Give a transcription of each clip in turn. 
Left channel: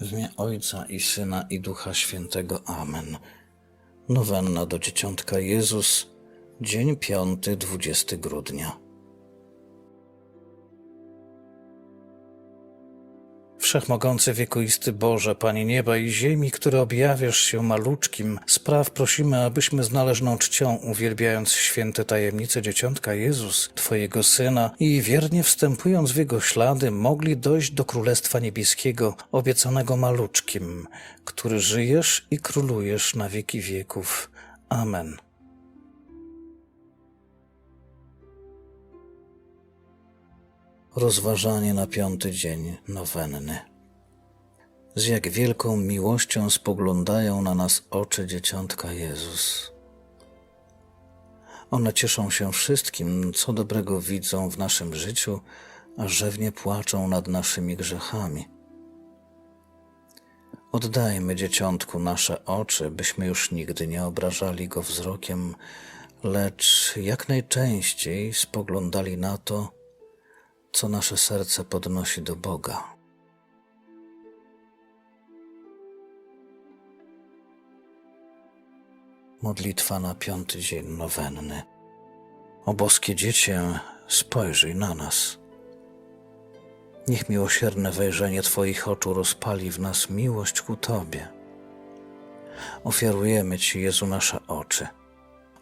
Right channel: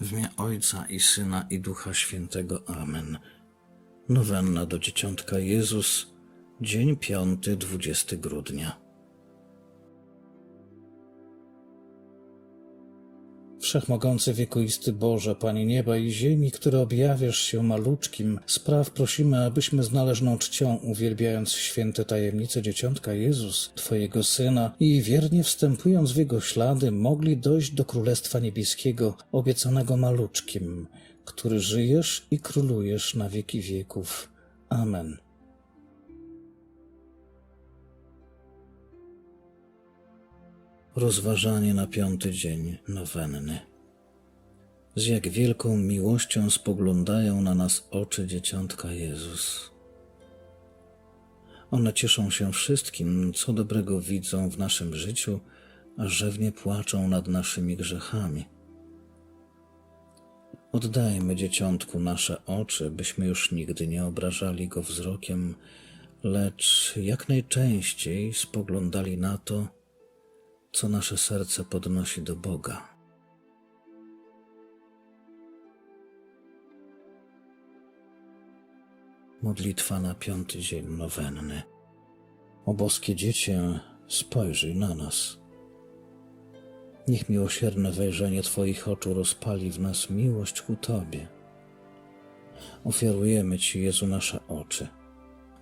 W imię Ojca i Syna i Ducha Świętego. Amen. Nowenna do Dzieciątka Jezus, dzień piąty, 20 grudnia. Wszechmogący wiekuisty Boże, Panie nieba i ziemi, który objawiasz się maluczkim, spraw prosimy, abyśmy z należną czcią, uwielbiając święte tajemnice Dzieciątka Jezus, Twojego Syna i wiernie wstępując w Jego ślady, mogli dojść do Królestwa Niebieskiego, obiecanego maluczkim, który żyjesz i królujesz na wieki wieków. Amen. Rozważanie na piąty dzień nowenny. Z jak wielką miłością spoglądają na nas oczy dzieciątka Jezus. One cieszą się wszystkim, co dobrego widzą w naszym życiu, a rzewnie płaczą nad naszymi grzechami. Oddajmy dzieciątku nasze oczy, byśmy już nigdy nie obrażali go wzrokiem, lecz jak najczęściej spoglądali na to, co nasze serce podnosi do Boga. Modlitwa na piąty dzień nowenny. O boskie dziecię, spojrzyj na nas. Niech miłosierne wejrzenie Twoich oczu rozpali w nas miłość ku Tobie. Ofiarujemy Ci, Jezu, nasze oczy.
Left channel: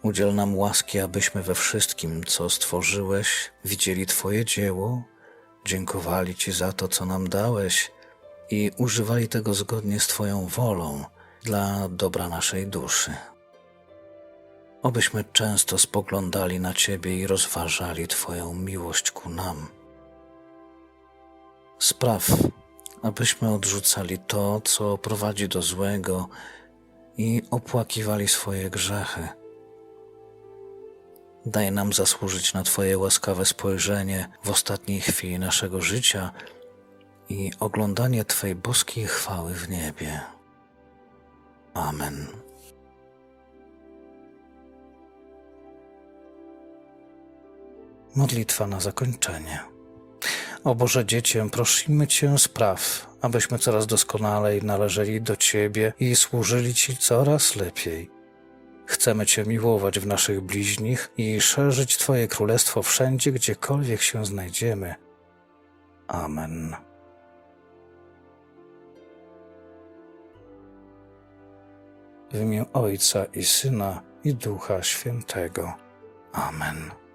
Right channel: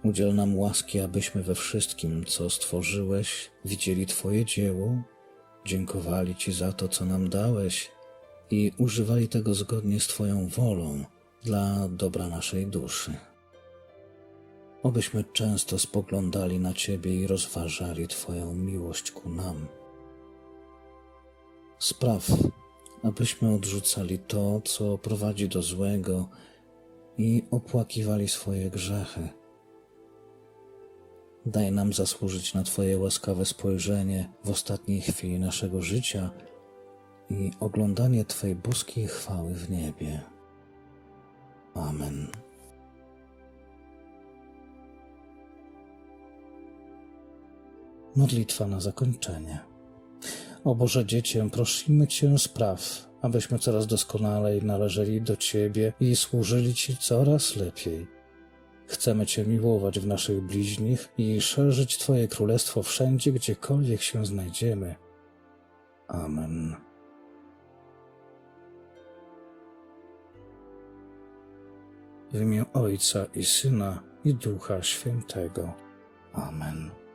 Udziel nam łaski, abyśmy we wszystkim, co stworzyłeś, widzieli Twoje dzieło, dziękowali Ci za to, co nam dałeś i używali tego zgodnie z Twoją wolą dla dobra naszej duszy. Obyśmy często spoglądali na Ciebie i rozważali Twoją miłość ku nam. Spraw, abyśmy odrzucali to, co prowadzi do złego i opłakiwali swoje grzechy. Daj nam zasłużyć na Twoje łaskawe spojrzenie w ostatniej chwili naszego życia i oglądanie Twej boskiej chwały w niebie. Amen. Modlitwa na zakończenie. O Boże Dziecię, prosimy Cię spraw, abyśmy coraz doskonalej należeli do Ciebie i służyli Ci coraz lepiej. Chcemy Cię miłować w naszych bliźnich i szerzyć Twoje królestwo wszędzie, gdziekolwiek się znajdziemy. Amen. W imię Ojca i Syna i Ducha Świętego. Amen.